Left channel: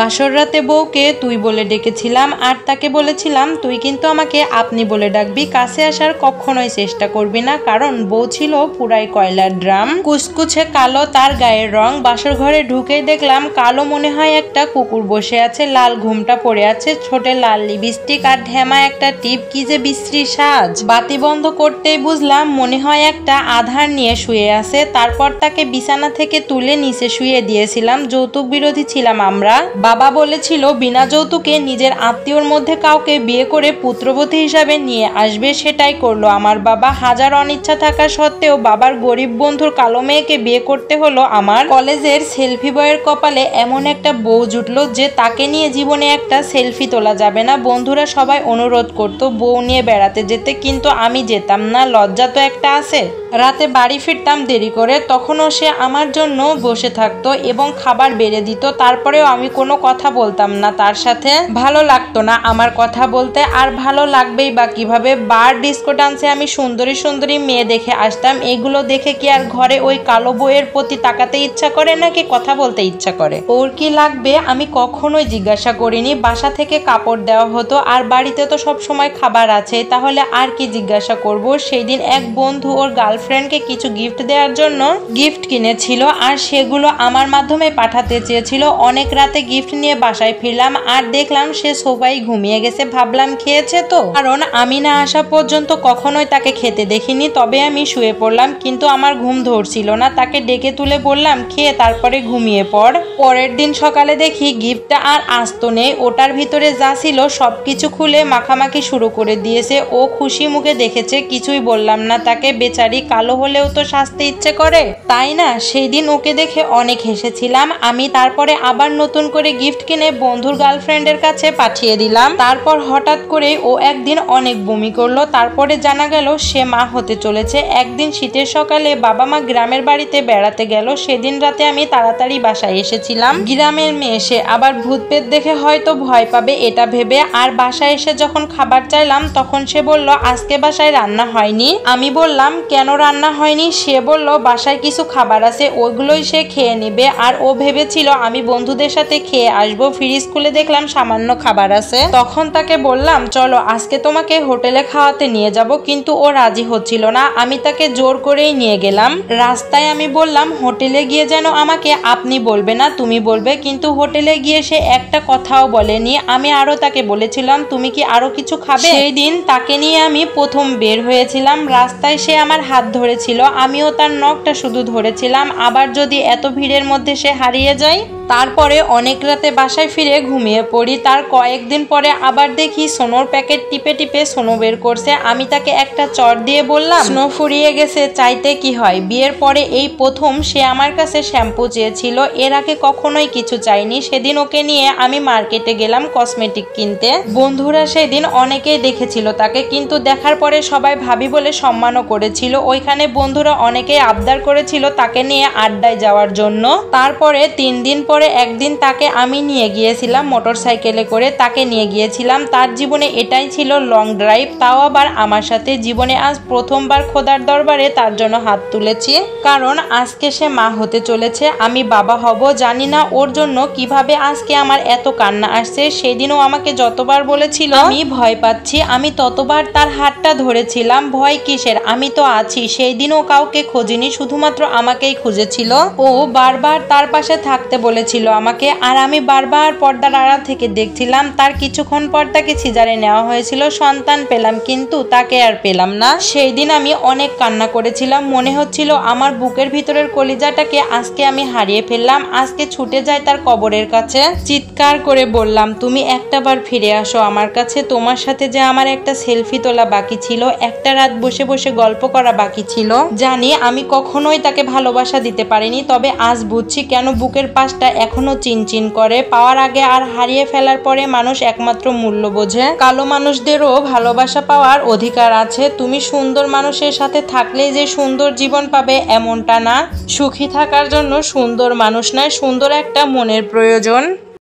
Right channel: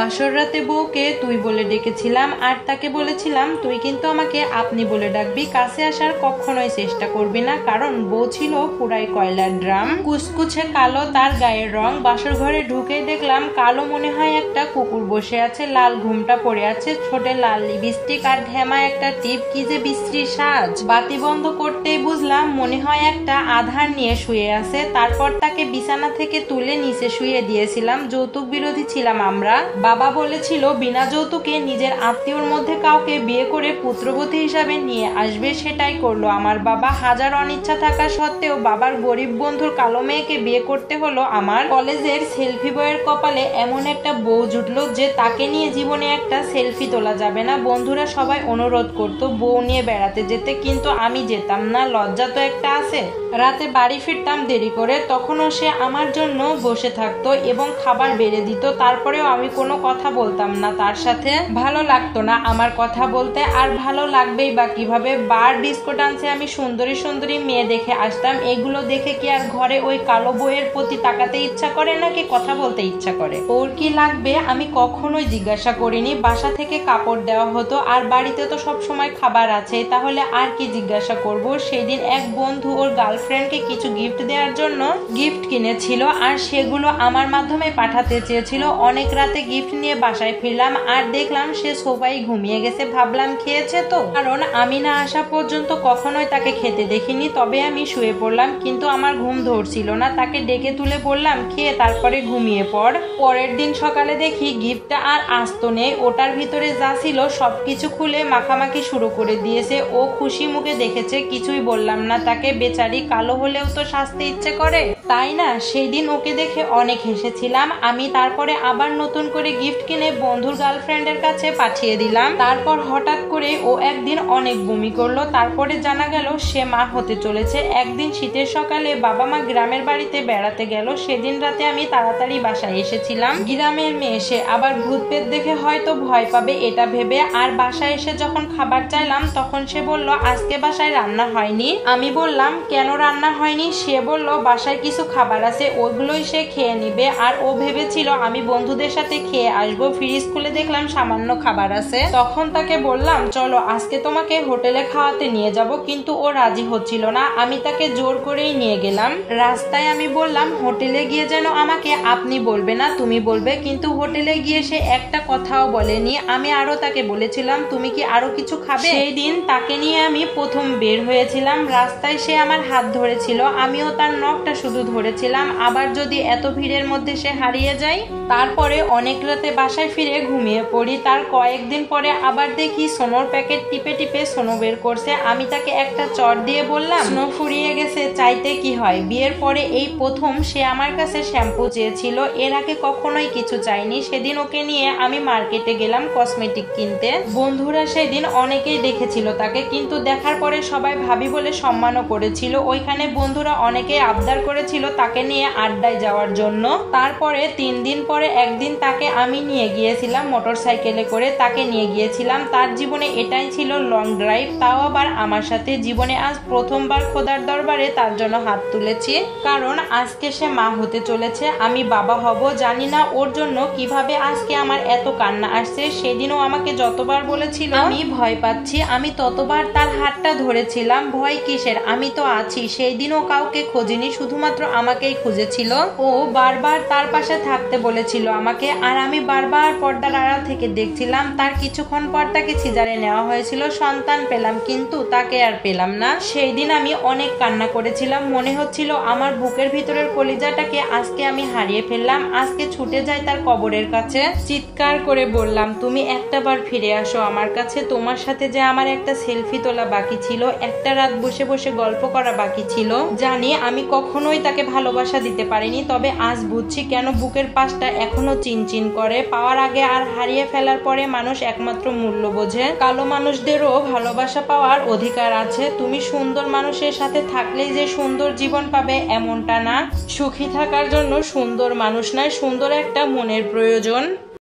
বাসর রাতে বউকে তুই বলে ডেকেছিলাম আর তাকে বলেছিলাম তুই কিন্তু আমাকে আপনি বলে ডাকবি, কাছে আসার কখনোই চেষ্টা করবি না, কারণ বউ ছিল পুরাই কয়লার ড্রাম। কুচকুচে কালো তার গায়ের রং। বাসর ঘরে ঢুকেই দেখলাম কালো মনে হয় একটা কুকুর বসে আছে, লাল ঘুমটা পড়ে আছে, ছোটে লাল লিপস্টিক আর ঢেমা একটা টিপ, কি যে বিশ্রী সাজ। বাতি বন্ধ করতেই বুঝলাম মনে হয় একটা আধার নিয়ে শুয়ে আছে। তারপর তাকে বিছানা থেকে তুলে নিচে শুয়ে দিয়েছিলাম। যৌতুক বিরোধী ছিলাম আমরা। বাবা বলেছিল বিনা যৌতুকে নিজের আত্মীয়র মধ্যে কাউকে বিয়ে করে পুত্রবতী হিসাবে নিয়ে আসবে, সেটাই করলো আমার বাবা। হাজার অনিচ্ছা থাকা সত্ত্বেও বাবার গরিব বন্ধুর কালো মেয়েকে বিয়ে করতে হলো আমার। কলেজের সেলফি বয়ের কপালে এমন একটা বউ জুটলো যে তাকে নিয়ে জীবনে একটা সেলফি তোলা যাবে না। বন্ধুরা সবাই অনুরোধ করতো বউ নিয়ে বেড়াতে যেতে, কিন্তু আমি যেতাম না, লজ্জা তো একটা আছে। রাতে বাড়ি ফিরতাম দেরি করে, তখনও সে আমার জন্য বসে থাকতো এবং খাবার বেড়ে দিত। তারপরেও আমি কোনো কথা বলতাম না তার সাথে। ভালো লাগতো না আমার কথা বলতে, আর ভালো লাগবেই বা কিভাবে। বার ডিস্কো ডান্সে আমি সুন্দরী সুন্দরী মেয়ে দেখে আসতাম। এগুলো দেখে কি আর ঘরে ওই কালো বউয়ের প্রতি তাকাতে ইচ্ছা করে নাকি কথা বলতে ইচ্ছা করে? ওর কি লাগবে আমি কখনোই জিজ্ঞাসা করিনি। বাসা থেকে কাপড় দেওয়া হতো আর বাড়িতে তো সব সময় খাবার আছে, তাহলে আর কি জিজ্ঞাসা করব। সেই দিন এক বন্ধু ওর গার্লফ্রেন্ডকে কিছু গিফট দেওয়ার জন্য গিফট কিনেছিল আর সেগুলো আমার মাধ্যমে পাঠাতে চেয়েছিল। অনেক রাতে গিফট নিয়ে বাসায় ফিরলাম আর দেখলাম সে সোফায় ঘুমিয়ে গেছে। ভাবলাম খেয়েছে তো, কারণ আমি না আসা পর্যন্ত কখনোই তাকে খেতে দেখিনি। তবে আমি শুয়ে পড়লাম, কিন্তু আমার ঘুম ধরছিল না। তাকে ডেকে তুলে বললাম খেয়ে তারপরে ঘুমিয়ে পড়। পরের দিন সকালে দেখি গিফটটা আর আস্ত নেই, ওটার ভিতরে যা ছিল সবকিছু খুলে মাখামাখি শুরু করে দিয়েছে। ও খুশি মুখে দেখেছে, কিছুই বললাম না তাকে। বেচারি, কালো হলেও তো সাজতে ইচ্ছে করে, তাই না? সেই দিন ওকে দেখে অনেক হেসেছিলাম আমি। তারপরে আবার নতুন করে গিফট কিনে বন্ধুর গার্লফ্রেন্ডের কাছে পাঠিয়ে দিলাম। তারপর হঠাৎ করে ও একদিন অনেক বমি করলো। তারপরে জানা গেল সে মা হতে চলেছে। একদিন শীতের সকালে বাবা মা গ্রামের বাড়িতে বেড়াতে গেল। সেদিন রাতে আমি তাড়াতাড়ি বাসায় এসেছিলাম। গ্রামের মেয়ে সে আবার ভূত পেট দেখে হয়তো ভয় পাবে এটা ভেবে। আর বাসায় এসে যখন খাবার চাইলাম তখন সে বলল আজকে বাসায় রান্না হয়নি। আমি বললাম কেন রান্না হয়নি? সে বলল বাসায় কিছু খাবার আছে, ওগুলোই সে খেয়ে নেবে। আর ও ভেবেছিল আমি বন্ধুদের সাথে খেয়ে আসবো। ফ্রিজ খুলে দেখলাম সামান্য খাবার আছে। তখন তাকে বললাম চলো আজকে তোমাকে হোটেলে খাওয়াতে নিয়ে যাব, কিন্তু ও রাজি হচ্ছিল না। আমি তাকে জোর করেই নিয়ে গেলাম। রাস্তায় আমি বললাম হোটেলে গিয়ে যেন আমাকে আপনি বলবে না, তুমি বলবে। কিন্তু হোটেলে গিয়ে সে একটা কথাও বলেনি। আমি আরো তাকে বলেছিলাম তুমি কি আরো কিছু খাবে? সেই দিন তাকে নিয়ে আমি প্রথম বের হয়েছিলাম। রাস্তায় সে আমার হাত ধরেছিল, আমিও তার নখটা শুধু ধরেছিলাম। আবার যদি এত ভিড়ের মধ্যে সে হারিয়ে যায়। তারপরে অনেক রাতে বাসায় ফিরে ঘুমিয়ে পড়ি। তার কয়েকদিন পরে আবার দেখি সোনোর প্যাকেট টিপে টিপে সোনো বের করছে। আমি তাকে একটা চট দিয়ে বললাম স্নো ফুরিয়ে গেছে, চাইতে কি হয়। বিয়ের পরে এই প্রথম সে আমার কাছে শ্যাম্পু চেয়েছিল, এর আগে কখনোই কিছু চাইনি। সেদিন ওকে নিয়ে আমি মার্কেটে গেলাম কসমেটিক কিনতে। বন্ধুরা সেদিন অনেকেই দেখেছিল তাকে, কিন্তু দেখার পরে সবাই ভাবি বলে সম্মানও করেছিল। ওইখানে বন্ধুরা অনেকেই আবদার করেছিল তাকে নিয়ে আড্ডায় যাওয়ার জন্য। তারপরে 3 দিন পরে একদিন তাকে আমি নিয়ে গিয়েছিলাম মোটর সাইকেলে করে। তাকে নিয়ে গিয়েছিলাম, তার জীবনে এটাই ছিল লং ড্রাইভ, তাও আবার আমার সাথে। জীবনে আজ প্রথমবার খোদার দরবারে তার জন্য হাত তুলেছি, কারণ আজকে সে মা হতে চলেছে, আমি বাবা হব। জানি না ওর জন্য কিভাবে আজকে আমার এত কান্না আসছে। সেদিনও আমাকে যতবার বলেছিল আমি ভয় পাচ্ছি, আমি ততবার তার হাতটা ধরেছিলাম। ভয় কিসের, আমি তো আছি। সেই দিনও কাউকে খোঁজেনি, শুধুমাত্র আমাকেই খুঁজেছিল। ও বারবার তার পাশে থাকতে বলেছিল আমাকে, আর আমি বারবার পর্দার আড়াল থেকে দেখছিলাম। তার কিছুক্ষণ পর তাকে সিজারে নেওয়া হয়েছিল, সন্তান পেলাম, কিন্তু তাকে আর পেলাম না। সেই দিন আমি অনেক কান্না করেছিলাম। মনে হচ্ছিল আমার বুকের ভিতরের কলিজাটাকে আজকে আমি হারিয়ে ফেললাম। আজকে ছুটে যায় তার কবরের কাছে, চিৎকার করে বললাম তুমি একটাবার ফিরে আসো আমার কাছে। তোমার সাথে যে আমার একটা সেলফি তোলা বাকি ছিল, একটা রাত বসে বসে গল্প করা বাকি ছিল। জানি আমি কখনোই তাকে ভালোবাসা দিতে পারিনি, তবে আজ বুঝছি কেন বুকের পাশটা এখনো চিনচিন করে। পাওয়ার আগে আর হারিয়ে ফেলার পরে মানুষ একমাত্র মূল্য বোঝে। কালো মানুষদেরও ভালোবাসা পাওয়ার অধিকার আছে। তুমি সুন্দর মানুষের সাথে থাকলেই যে সুন্দর জীবন পাবে এমনটা না। সুখী থাকার জন্য সুন্দর মানুষ নয়, সুন্দর একটা মনের প্রয়োজন।